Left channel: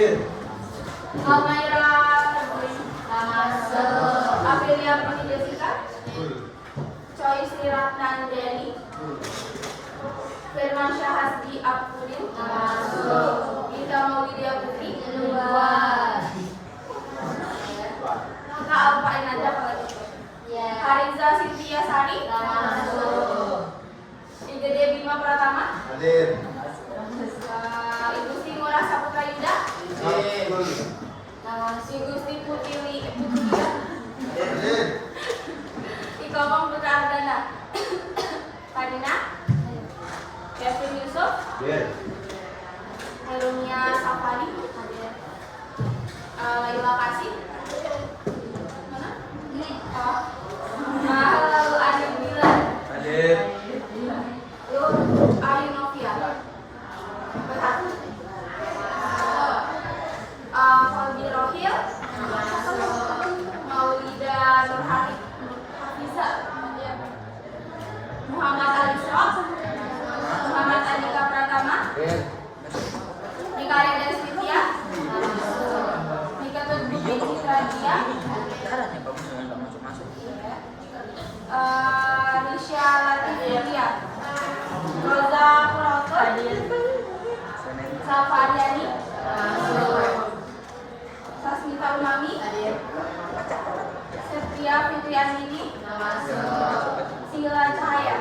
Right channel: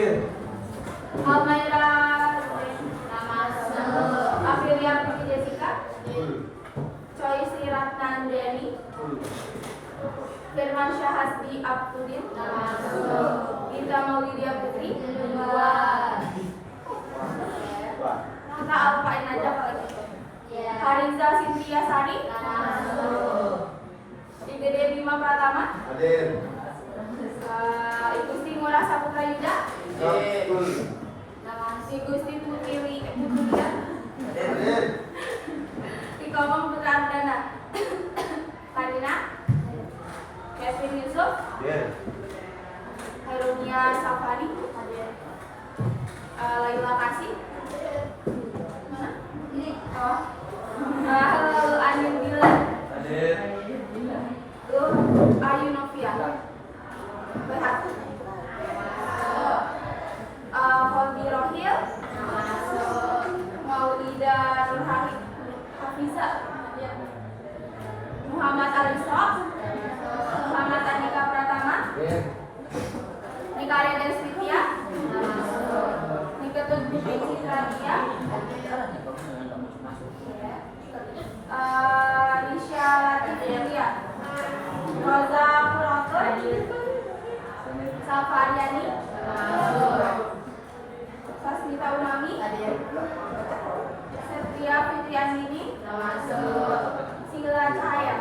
Almaira Aprilia Putri Jessica, Choi Sri Ratnanjani, Firman Syahasri Abdulin, Ida Maulidia Putri. Kita apain aja kalau gitu. Hariza Cynthia Sari, Igede Bima Pratama, Ibu Sri Ngurah Saputra Yuda, Si Gusti Putri Ikomong Putra Ardana, Karina, Kevin Yusuf, Halunia Safani, Laila Kasih, Anu Gilan, Ayu Novia, Berhati, Kolbi Rohil, Maulida Nurhani Hafiza, Muhammad Alisra, Muhammad Andika Pratama, Nika Reden Sylvia, Nika Tudbukin Citra Dia, Nisha Latif Yulia, Roza Purato, Safariani, Sasmita Umami, Setia Fitriandini, Sila Cahaya,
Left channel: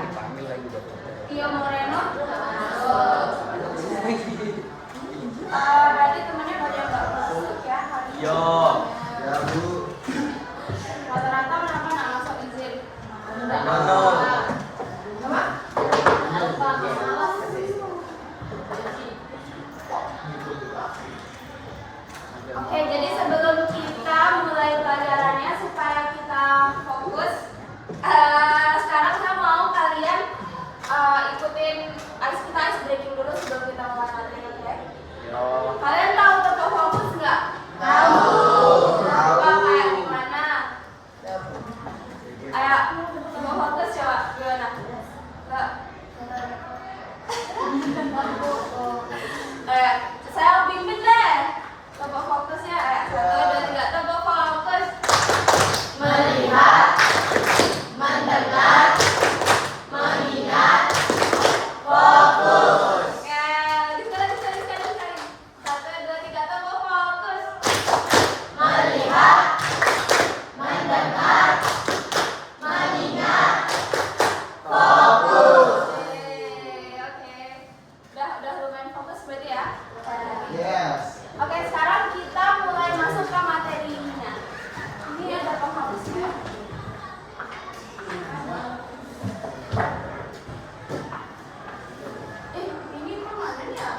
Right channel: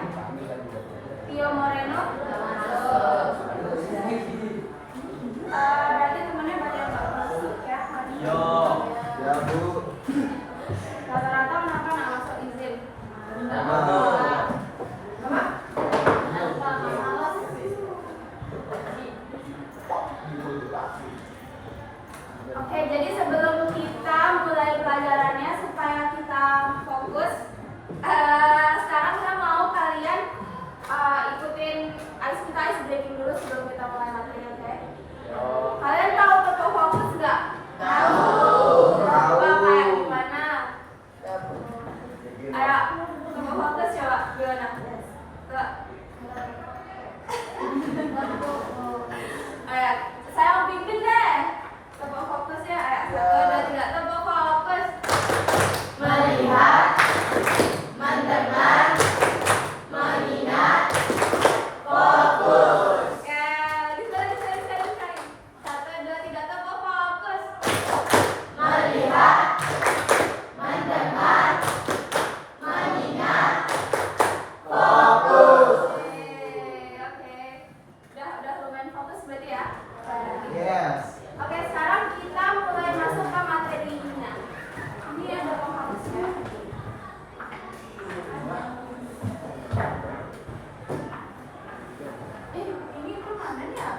Tio Moreno. Berarti temennya banyak yang nggak masuk ya hari ini. Ya Bu. Rata-rata kenapa nggak masuk izin? Apa? Oke, jadi sebelum kita mulai pelajarannya supaya kita fokus, sekarang saya mau kalian ikutin kita ice breaking dulu sebelum kita mulai materi, oke? Kalian tahu toko fokus nggak? Tahu. Kayak gimana? Ayo, toko fokus coba gimana? Saya pimpin deh. Toko fokusnya, 1, 2, 3, toko fokus. Melihat, mendengar, mengingat, fokus. Ya, sekali. 1, 2, 3, toko fokus. Melihat, mendengar, mengingat, fokus. Oke. Udah lumayan fokus berarti ya? Yes. Oke, sekarang kita mulai masuk ke materinya. Ini ada fokusnya. Ini kemana nih ya?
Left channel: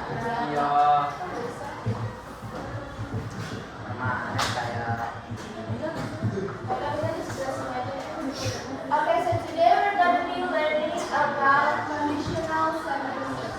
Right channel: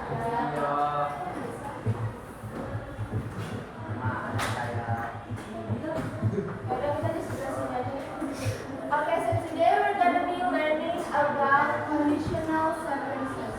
Okay, so today we're going to be learning about conditional sentences.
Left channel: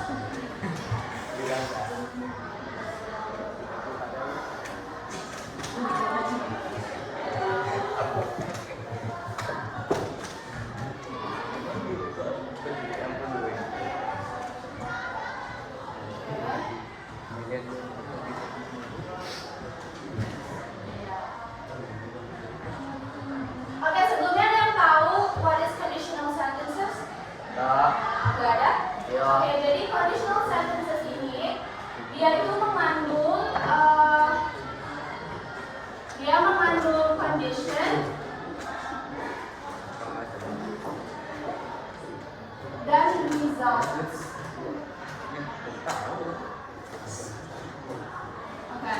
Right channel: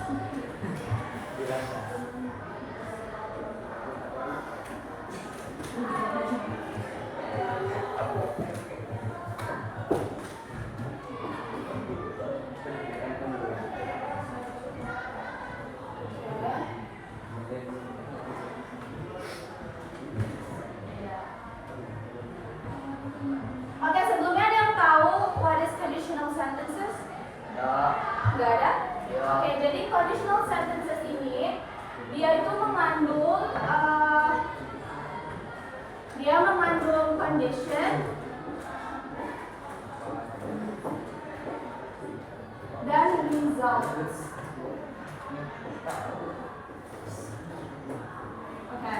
Oke, sebelumnya ada yang tahu what is conditional sentences? Nggak ada? Oke, jadi conditional sentences ini dia itu mengandung condition dan results. Oke.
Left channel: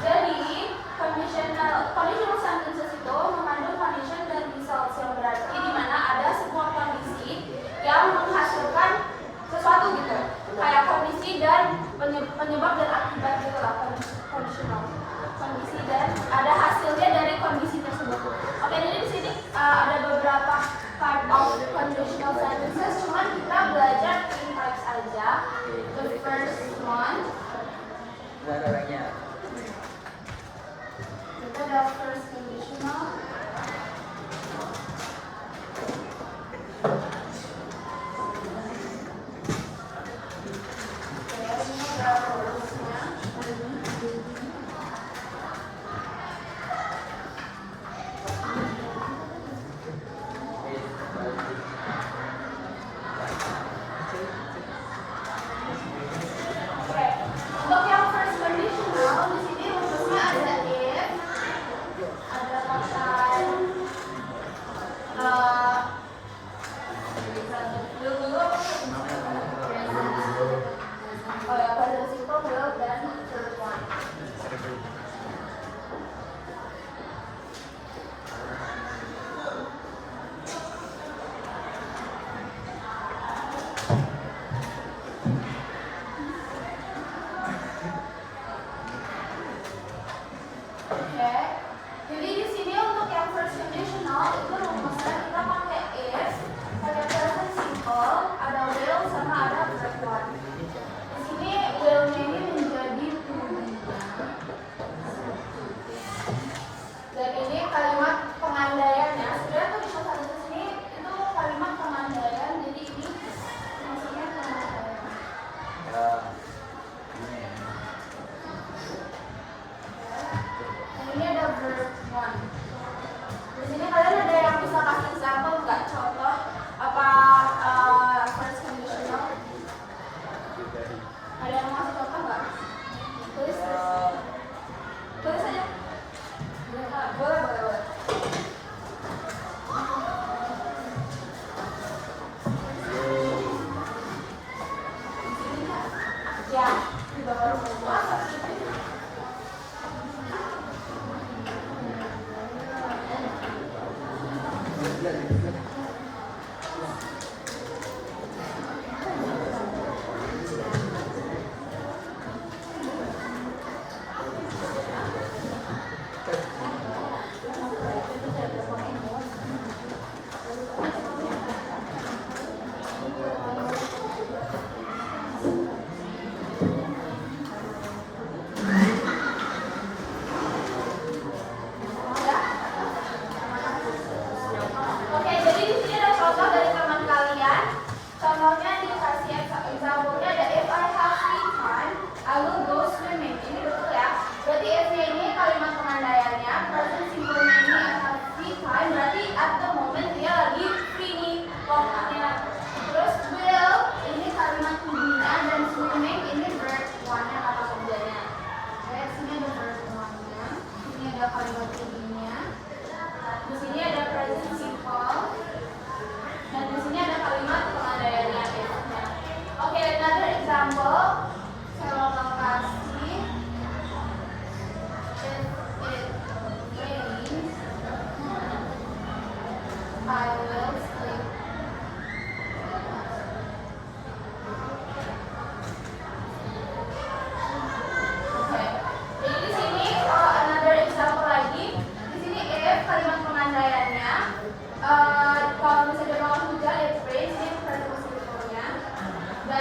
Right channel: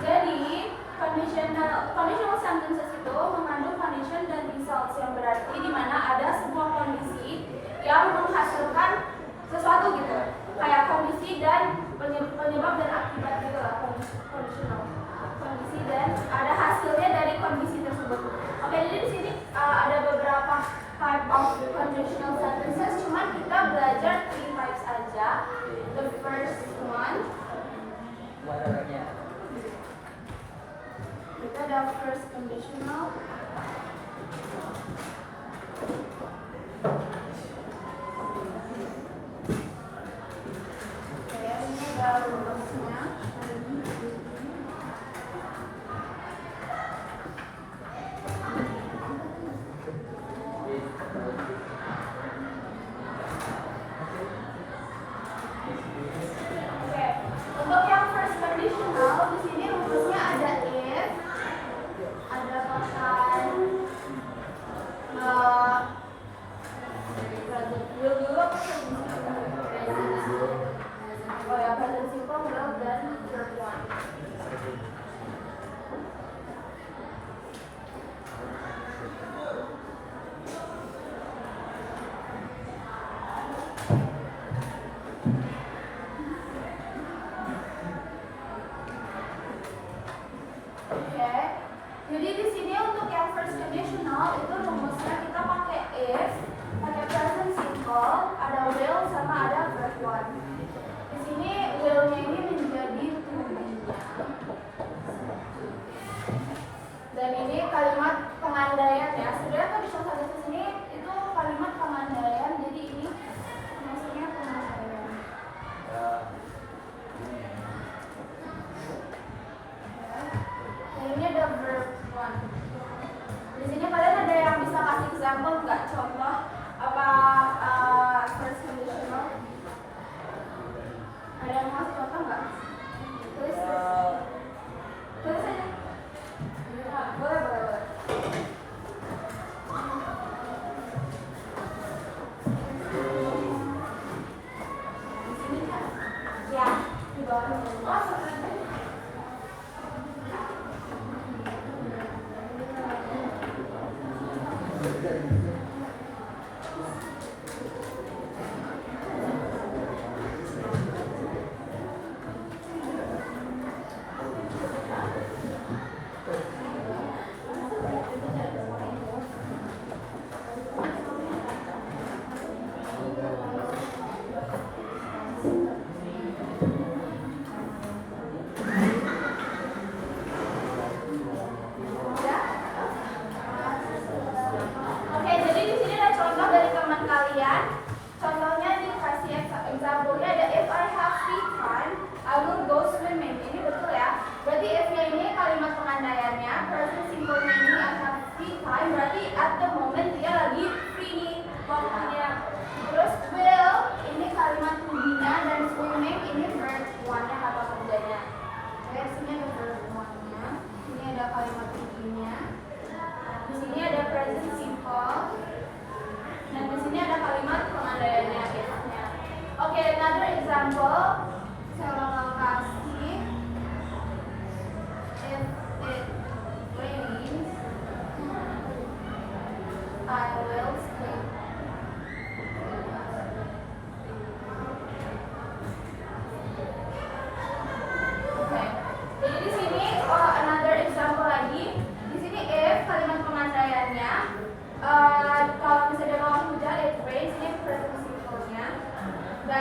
Jadi conditional sentences itu mengandung condition dan results, yang berarti di mana ada sebuah kondisi yang menghasilkan sesuatu gitu, kayak kondisi dan penyebab dan akibat gitu lah, conditional kondisi dan ada hasilnya dari kondisi tersebut. Oke, jadi di sini ada beberapa part of conditional sentences, cuman kita belajar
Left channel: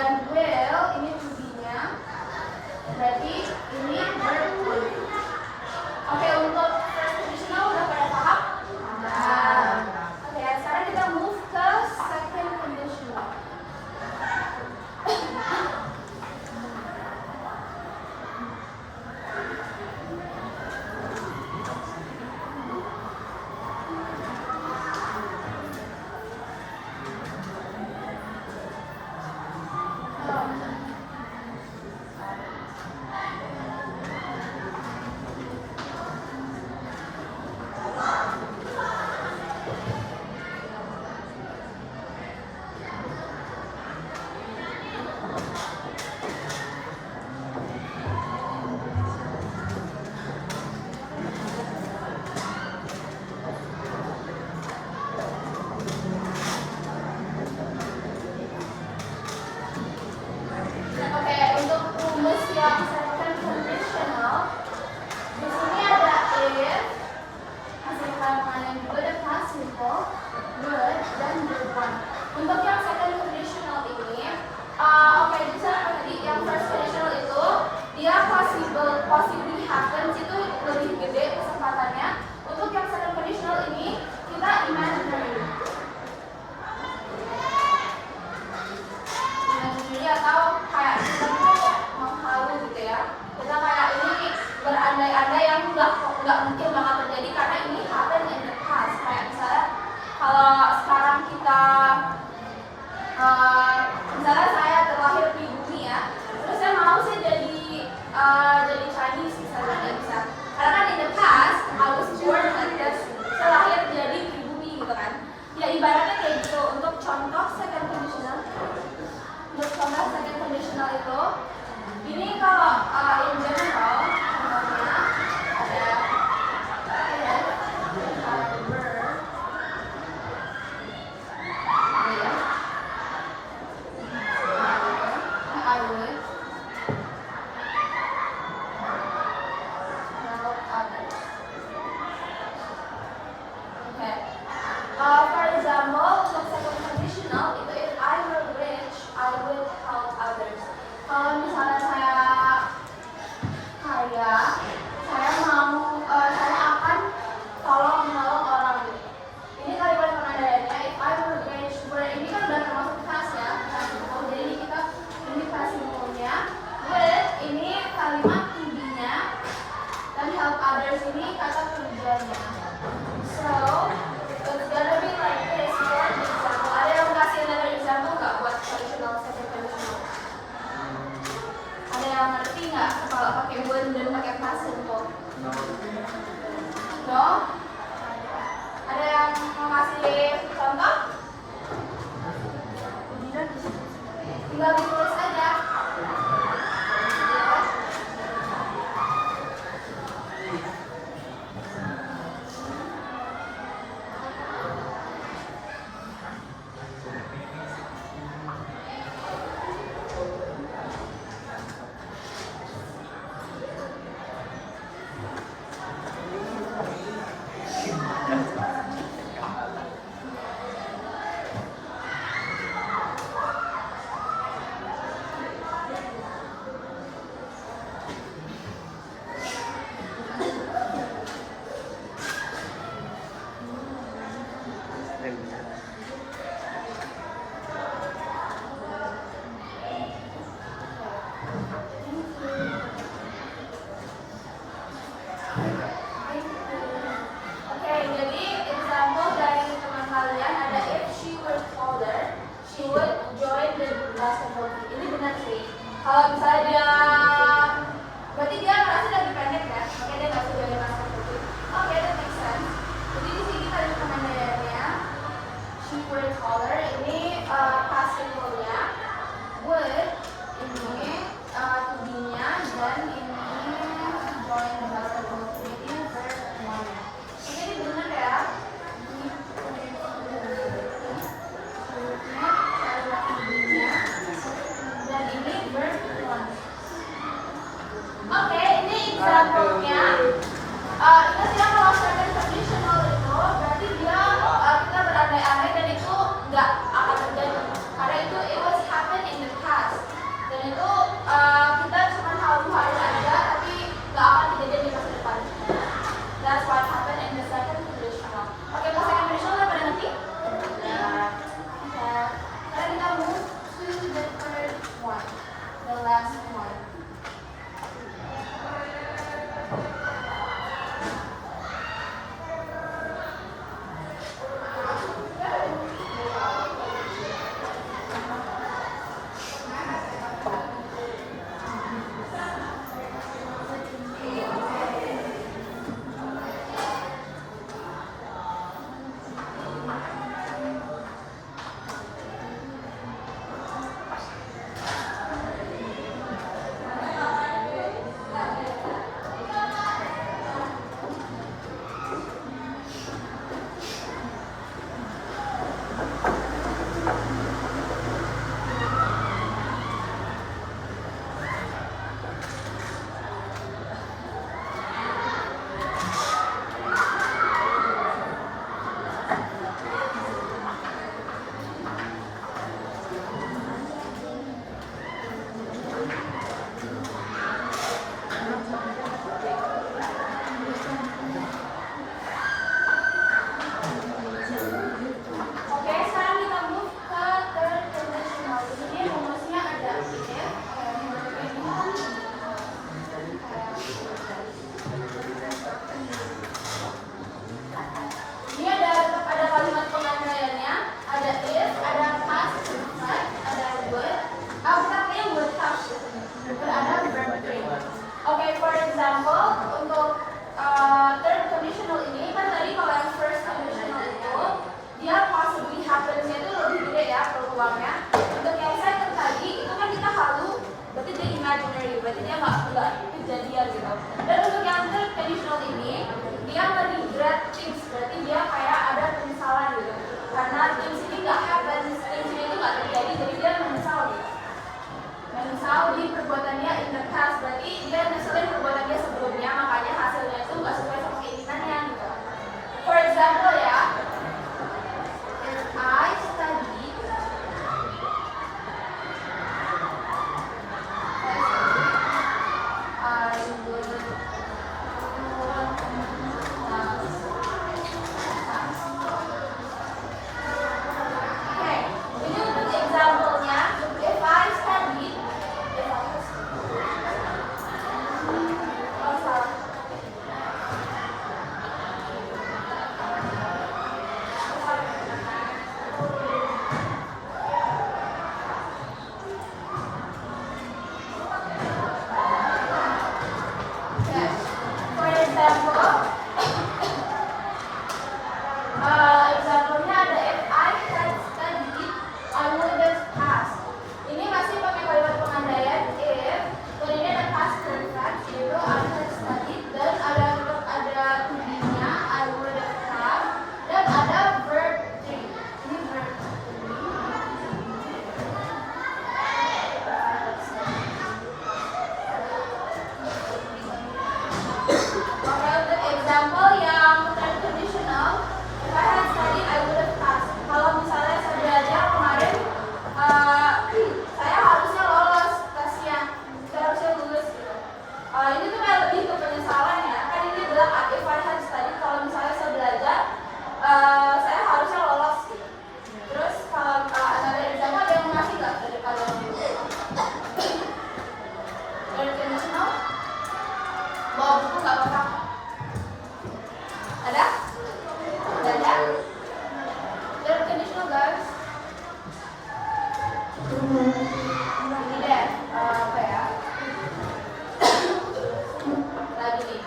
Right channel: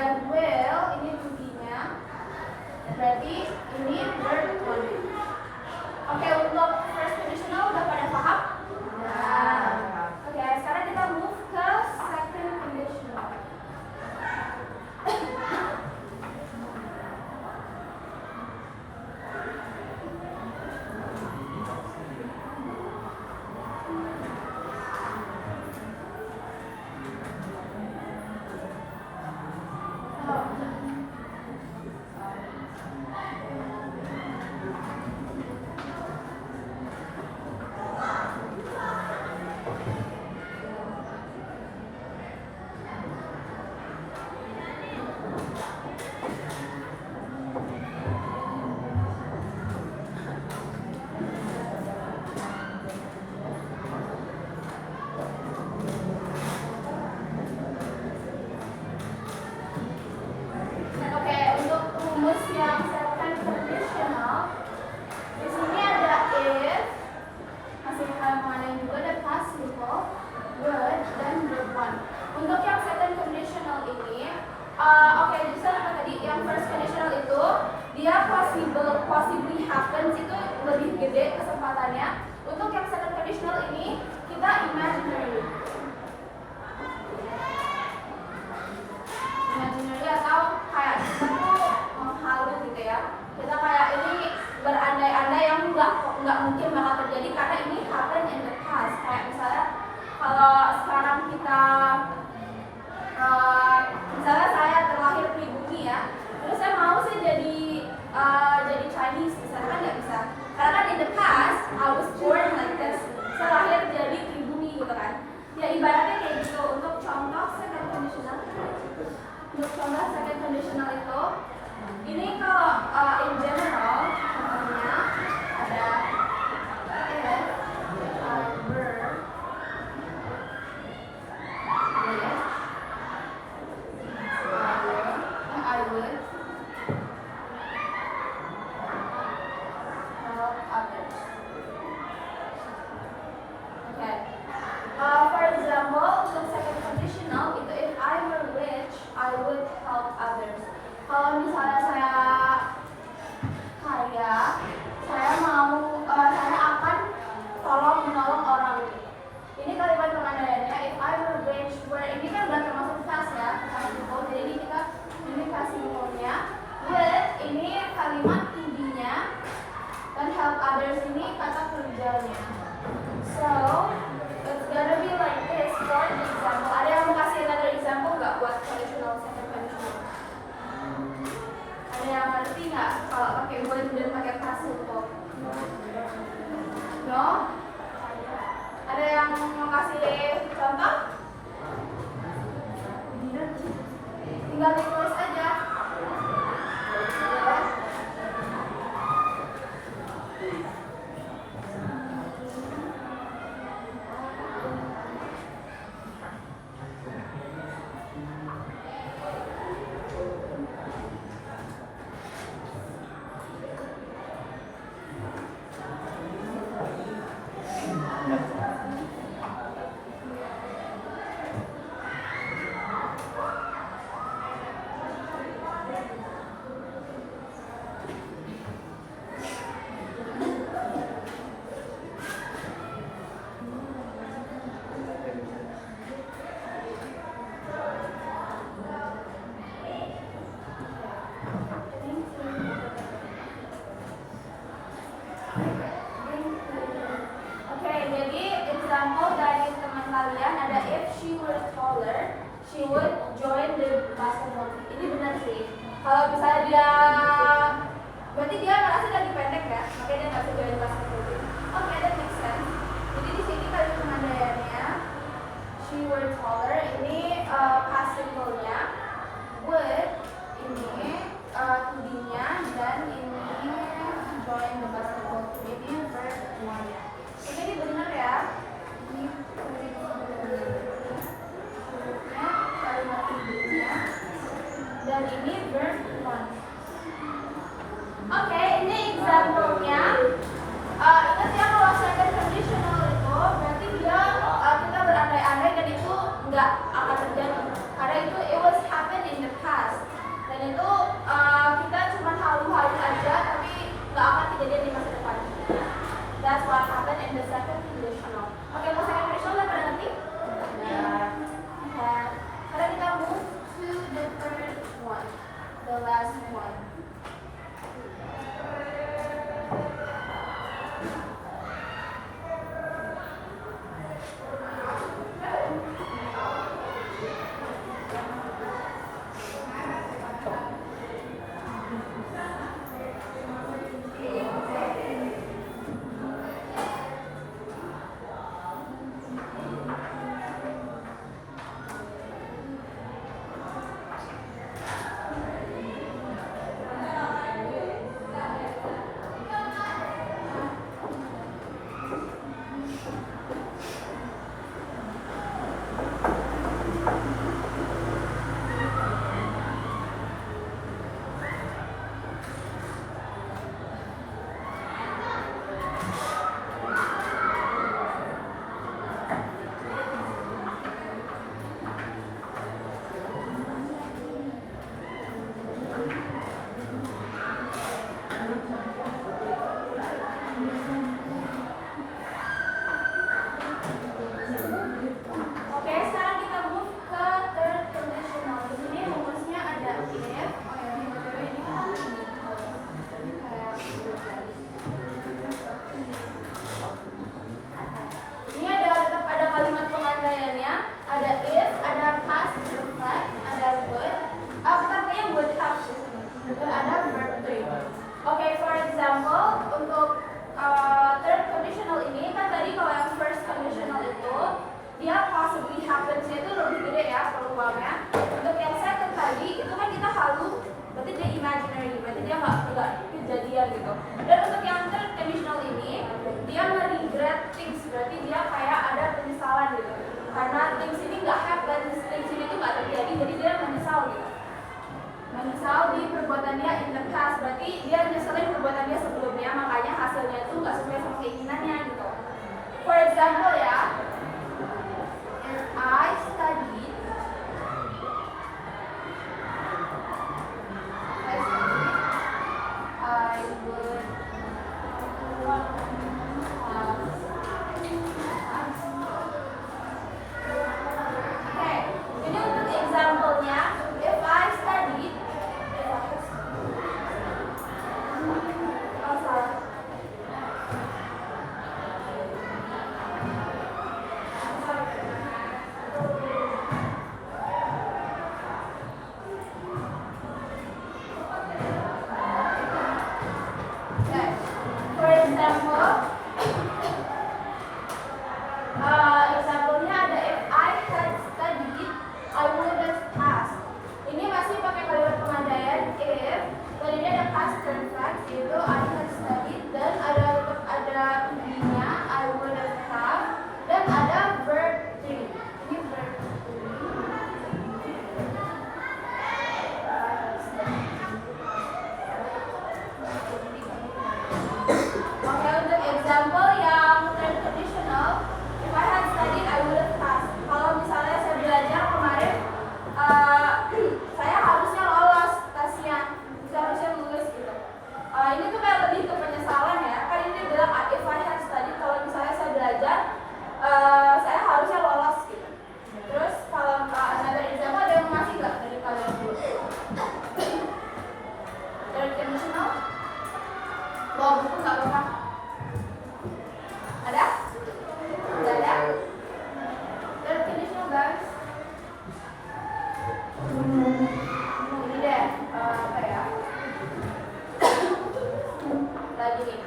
dan will ini to be-nya. Berarti ini verb 1. Oke, untuk first conditional udah pada paham? Nah. Oke, sekarang kita move ke second conditional. Oke, untuk rumus yang second conditional, di sini ada if, masih kalian juga ada past simple, would, dan verb 1. Untuk yang second conditional ini, oke, jadi apa tadi? Yang first conditional itu dia possibly happens itu lebih gede kesempatannya. Untuk yang second conditional ini kita imaginary. Atau kayak kita tuh menghalu gitu ya, kita kayak ini berandai-andai yang nggak mungkin bakal terjadi karena ini happen in the past. Kayak misalnya kalau sekarang kita misalnya saya terlahir pribumi ya, terus saya mau sih jadi Chinese misalnya, kan nggak bisa karena kan in the past I was born like this, saya lahir jadi pribumi gitu kan ya, ibaratnya kayak gitu. Untuk contoh second conditional, itu ini kalau in general contohnya ada if I were, I would help others. Okay. For example, untuk second conditional itu if I were rich, I would help others. Kalau misalnya saya kaya, saya akan menolong orang. Ini kalimat pengandarannya if I were rich, ini kan udah termasuk past ya, jadi kita ini past simple-nya. With ini kalimat to be-nya, dan help others ini kata kerjanya. So it's gonna be like this for example. Ada yang kasih another example nggak buat conditional second conditional? Ada yang ngerti nggak kalau pakai would dan pakai past simple? No? Ada yang mau kasih contoh? Tinggal ditulis aja. Kalau misalnya dia, berarti dia merasa lagi pendek ya, makanya dia nggak suka join basketball team. Oke, that makes sense. Jadi di sini kita ada penandaiannya. She were taller. Ini past simple-nya. Would ini to be-nya, dan ini join the basketball team. Ini verb 1-nya. Ini benar ya. Dan ini verb 1. Oke, ini example-nya. Ingat ya kalau second conditional itu berarti dia kita berandai-andai dan itu nggak akan terjadi karena itu it was happen in the past. nggak kejadian gitu. Dan untuk yang third conditional ini dia regret things, berarti dia kayak ada penyesalan gitu karena things ini nggak happen, things ini itu nggak terjadi, jadi dia menyesal gitu. Menyesal di perbuatan dia in the past, berarti dia nyeselin perbuatan dia sebelumnya, makanya hasilnya itu nggak sesuai sama keinginannya gitu. For example ya, if I studied I would okay, ini untuk example-nya, if I studied, oh salah. Okay. For example, example-nya ada if I had studied, I would have passed. Ini masih pakai kalimat pengandaian if, dan ini ada past perfect, yaitu I had studied, dan ada to-be-nya I would have, dan ada verb 3. Ini verb 3. Oke, untuk example yang third conditional, if I had studied, I would have passed. Kalau misalnya saya belajar kemarin, saya harusnya lolos tesnya, saya harusnya lulus gitu. Ini tuh kayak lebih ke penyesalan ya. Kan ini bilang if I had studied, kalau misalnya saya belajar, saya harusnya lolos gitu. Terus kalau another example ada yang masih nggak dari kalian? Third conditional, bawa buku nggak apa-apa. Ada? Ada? Third conditional guys. Ini deh, apa ya? Lagi nih.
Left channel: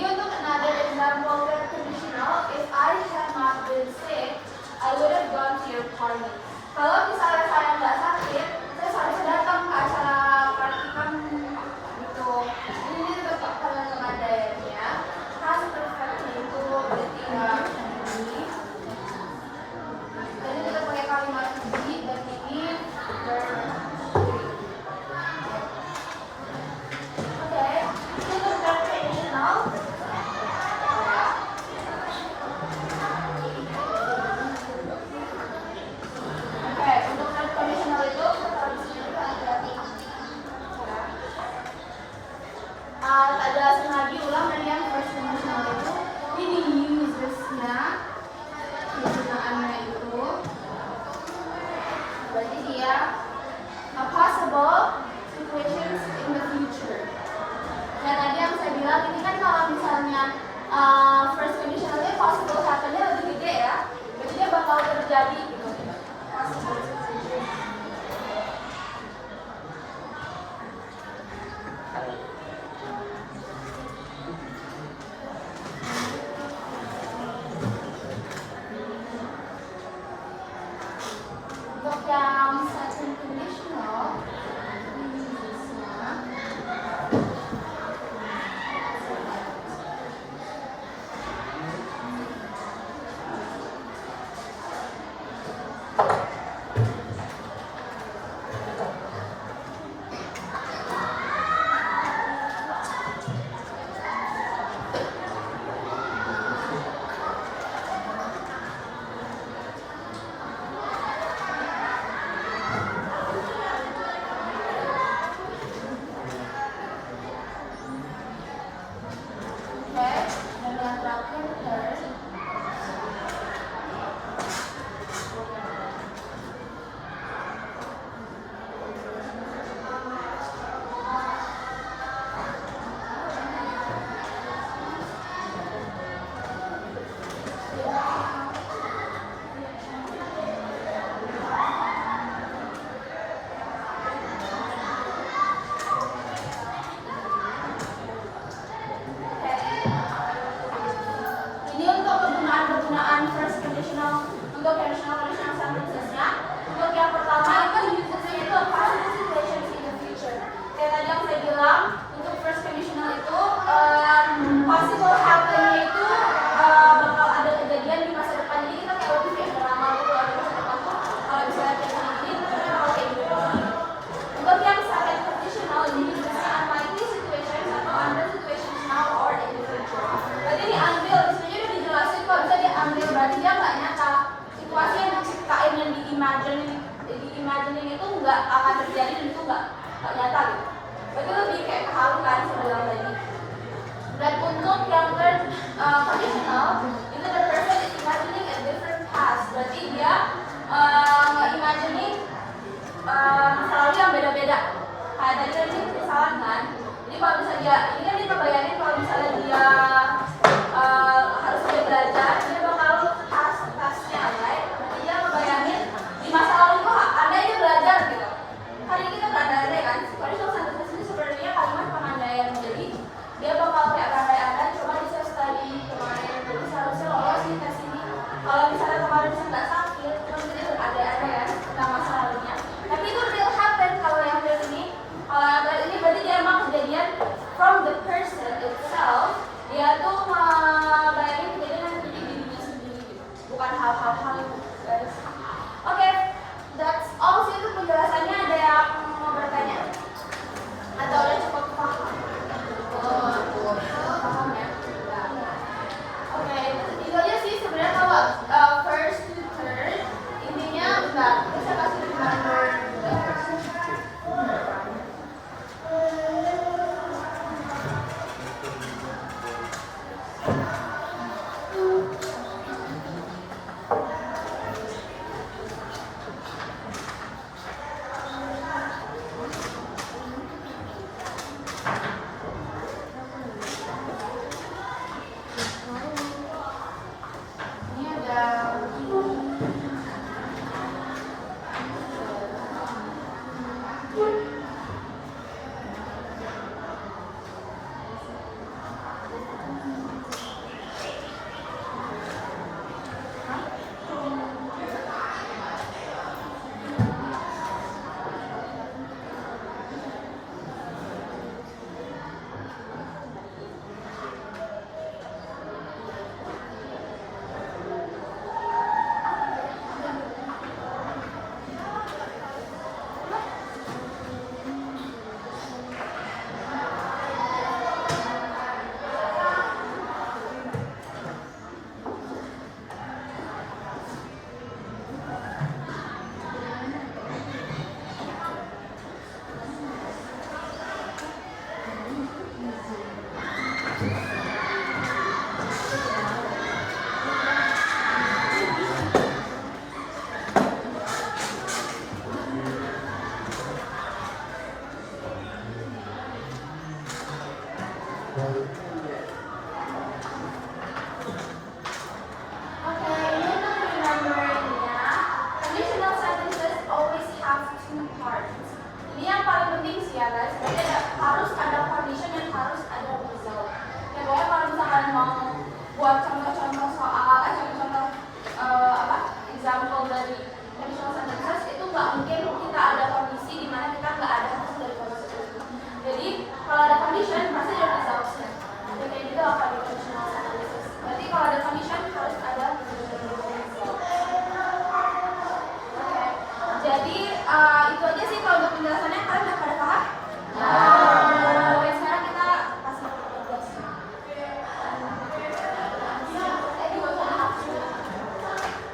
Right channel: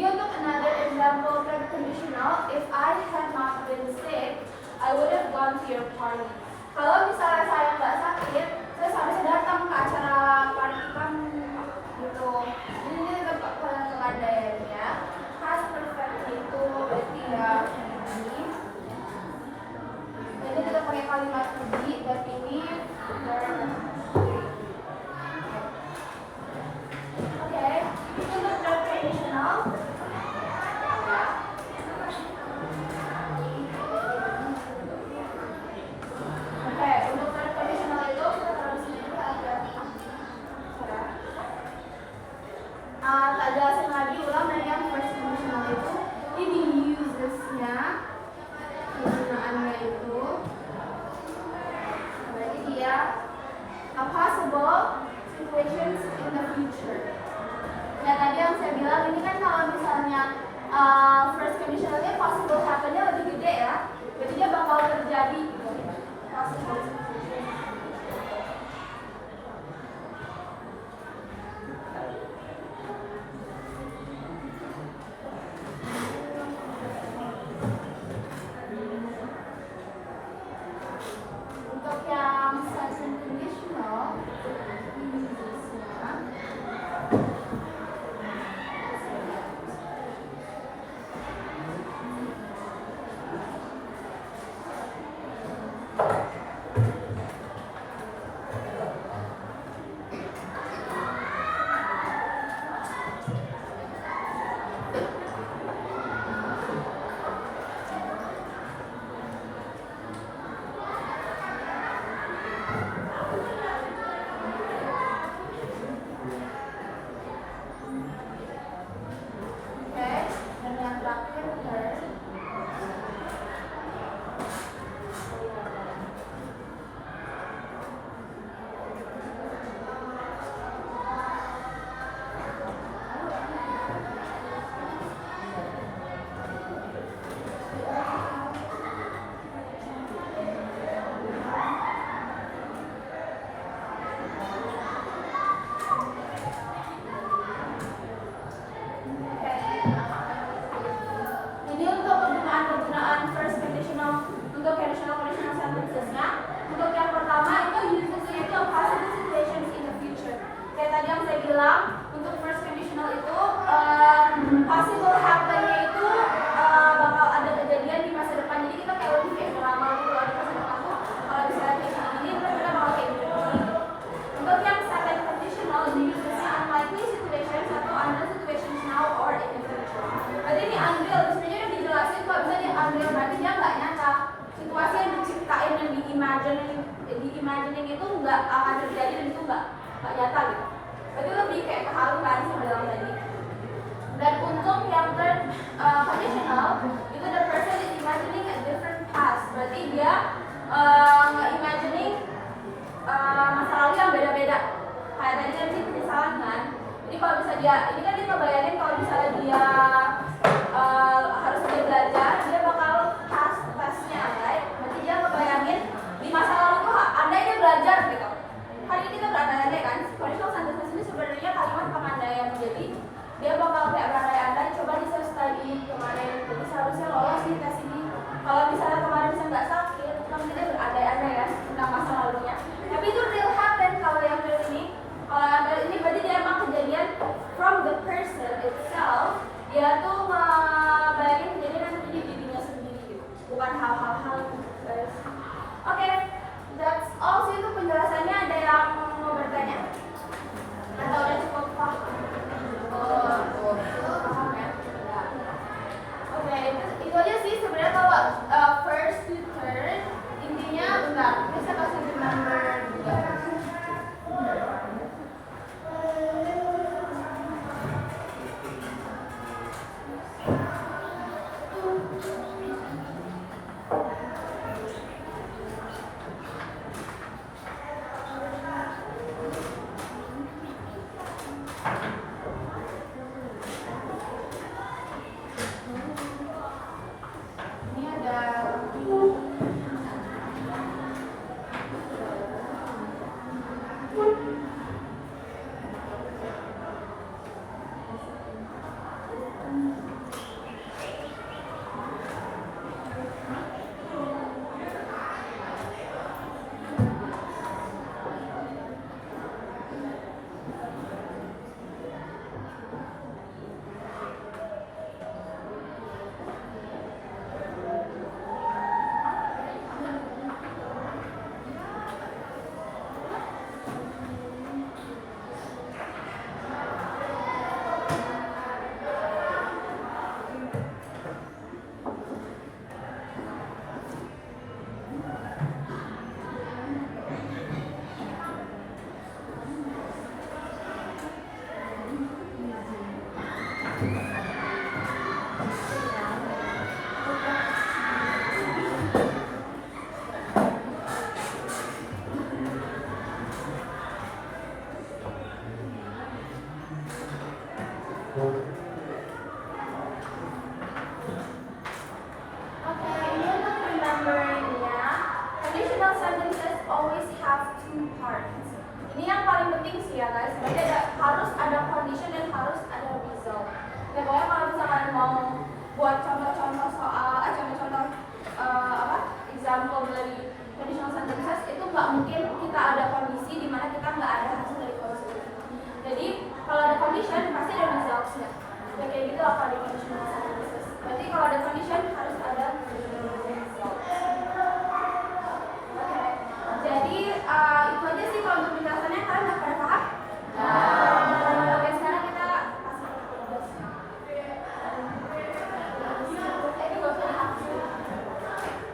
Ini untuk another example third conditional, if I had not been sick, I would have gone to your party. Kalau misalnya saya nggak sakit, saya seharusnya datang ke acara praktikum gitu. Ini tetap pada pengandaiannya. Past perfect itu berarti ya ini. Ini tetap pakai kalimat to be dan ini verb 3. Oke, itu untuk third conditional. Oke, untuk third conditional itu kita taruh di sini hati-hati. Tak jelasin lagi ulang dari yang first conditional itu. Ini users-nya, penggunaannya itu. Berarti dia possible situations in the future. Dan tadi yang saya bilang ini kan kalau misalnya first conditional itu possible happen-nya lebih gede ya. Berarti dia bakal terjadi gitu. Possible situations. Untuk yang second conditional, ini users-nya. itu nggak akan terjadi dan itu nggak nyata gitu. Berarti lebih kayak kehalu kan sebenarnya tadi. Dan untuk yang third conditional itu the person is imagining a different past. Berarti dia imagining masa lalu yang beda-beda. Kayak tadi kan ini misalkan kan. Jadi kalau misalnya dia, ini kan dia ngebayangin kalau misalnya dia harus sampai belajar, dia bakal tasnya ya. Berarti dia ngebayangin di masa lalu itu andainya belajar gitu. Kan ini kita berandai-andai kan. Conditional sentences ini sebenarnya kalimat pengandaian. Jadi dia bakal kayak berandai-andai, coba bisa study kemarin, jadi seharusnya lolos di tes ini. Kalau misalnya kemarin saya nggak sakit, kan dia berandai-andai ya tentang masa lalunya. Tapi itu real happen kalau yang real ini. Ini berarti dia emang kejadian from the person itself. Dia tuh bayangin kejadian yang terjadi di dirinya sendiri gitu. Bukan hal-hal itu guys. Oke, that's all sih untuk penjelasannya. Ada yang mau bertanya? Atau udah cukup paham? Cukup paham ya? Oke, itu aja sih sebenarnya kalau first to third. Intinya bentar, ini saya kasih reminder juga. Ini ada example dari conditional sentences itu nggak mungkin kita ada kondisi di mana kita nggak ada hasil dari kondisi itu. Jadi kalau ada condition pasti ada resultsnya. Dan kayak gitu apa di conditional sentences. Berarti kalau ada condition harus ada result. Oke. Jadi